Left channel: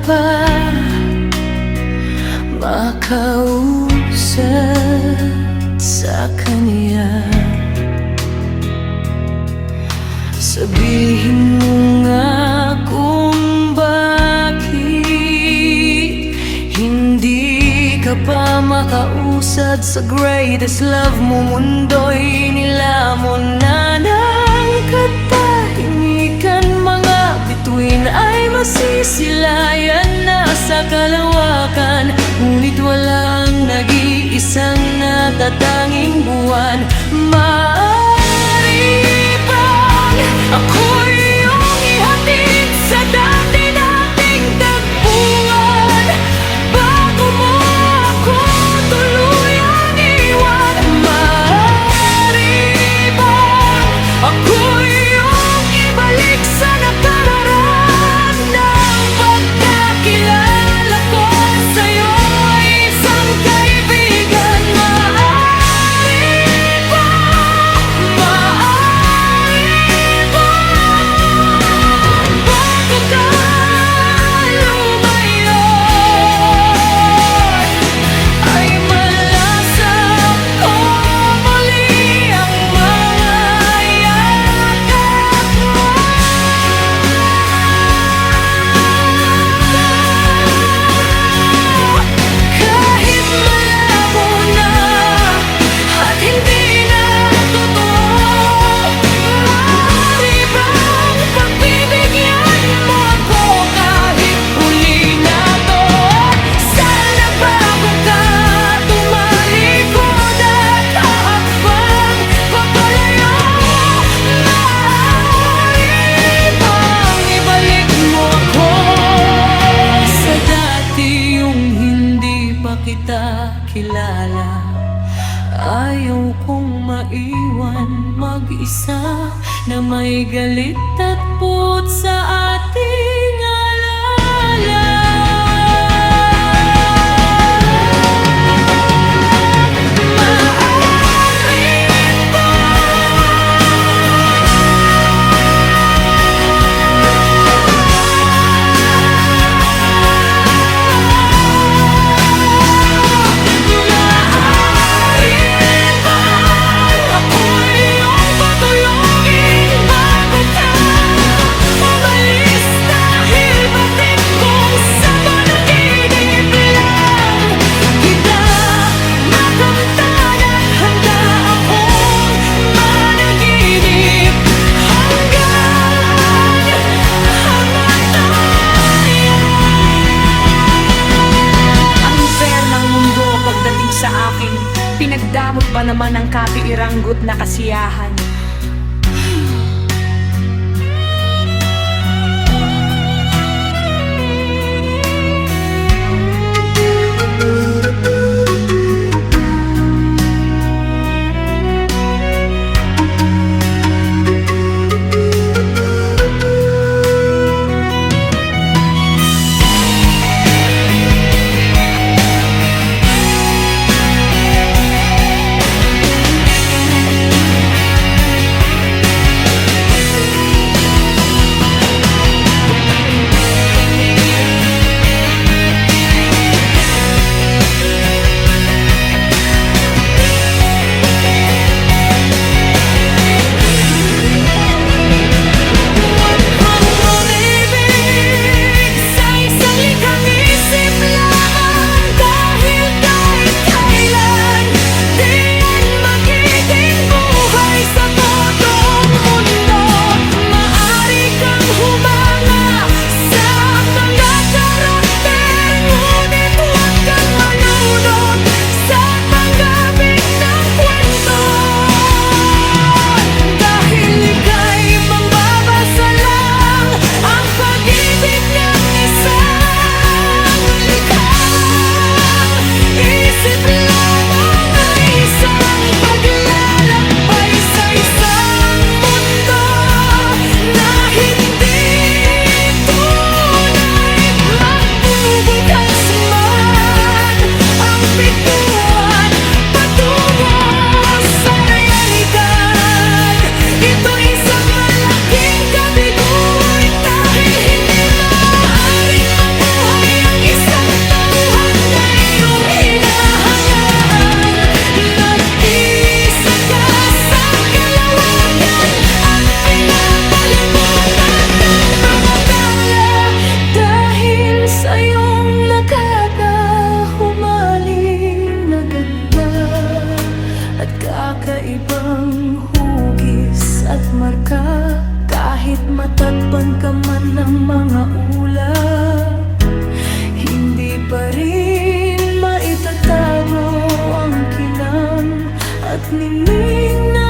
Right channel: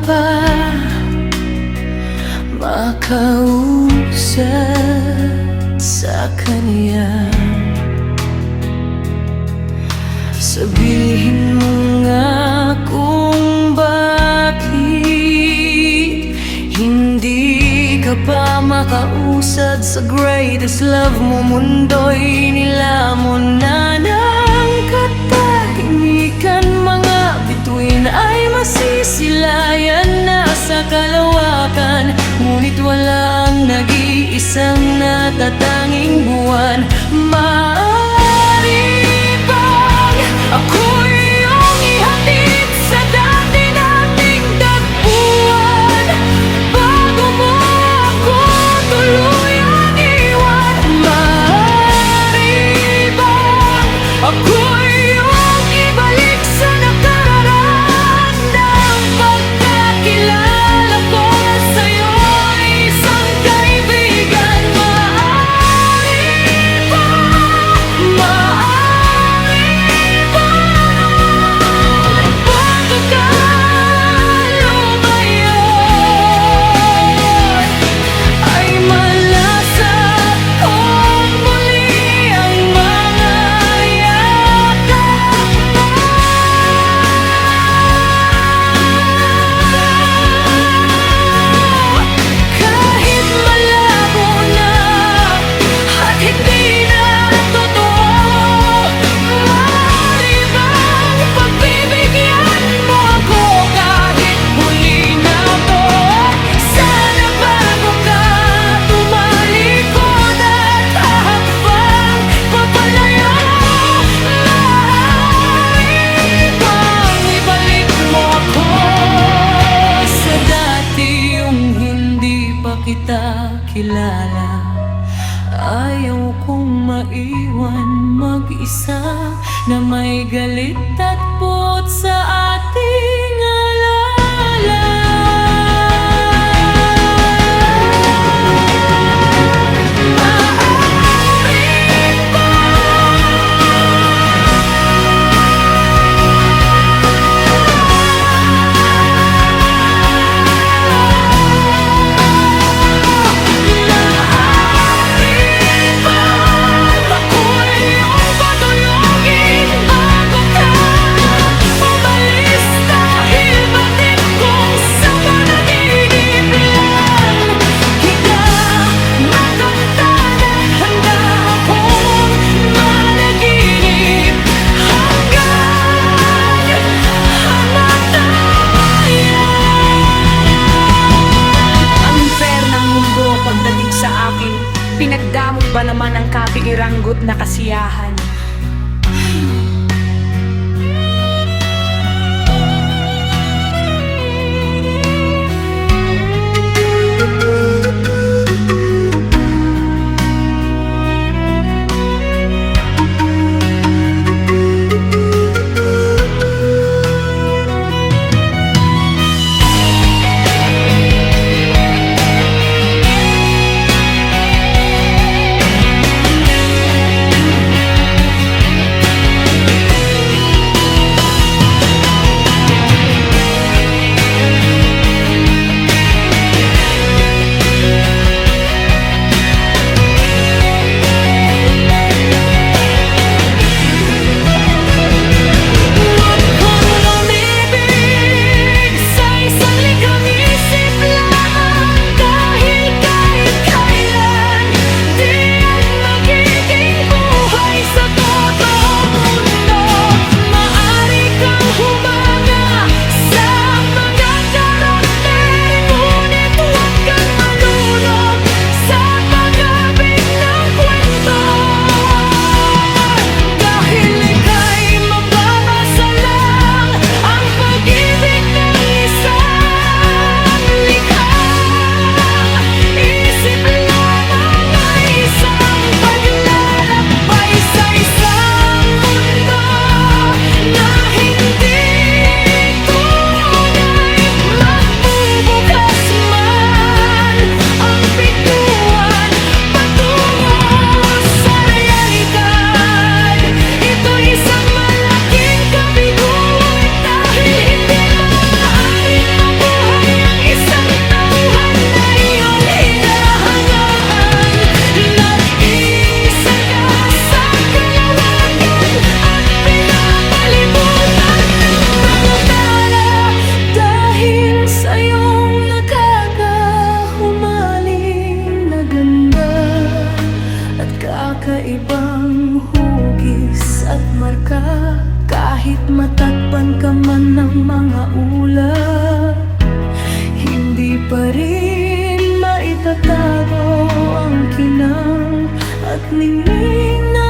pa makausap sa kanya. Sabihin mo nga kung bakit hindi ka pa makausad sa greatest love mo. Mundo'y nilamon na ng katahimikan. Mga bituin ay masisilayan na sa kalawakan, ngunit wala ang nag-iisang natatanging buwan. Maaari bang ako'y iyong ihatid sa dati nating tagpuan, bago mo ako tuluyang iwan? Maaari bang ako'y iyong ibalik sa nakaraan ng pagkakilala ko sa'yo, isang kaibigan? Maaari ba, bago ka lumayon, ay malasap ko muli ang mga yakap mo. Kahit malabo na at hindi na totoo, maaari bang pagbibigyan mo ako kahit huli na to? Sana bago ka tumalikod at hahakbang papalayo, maaari bang ibalik mo ako sa dati, yung hindi pa kita kilala? Ayaw kong maiwan mag-isa na may galit at puot sa ating alaala. Maaari ba ako'y iyong patuyugin bago ka umalis? Dahil batid kong sa panaginip lang kita makamtan at handa akong managinip hanggang kamatayan. Ang fair ng mundo pagdating sa akin, pinagdamot ba naman ang kapiiranggot na kasiyahan? Iba-ibang hugis at marka, kahit matatpan ka man ng mga ulap, hindi pa rin maitatago ang kinang at ningning na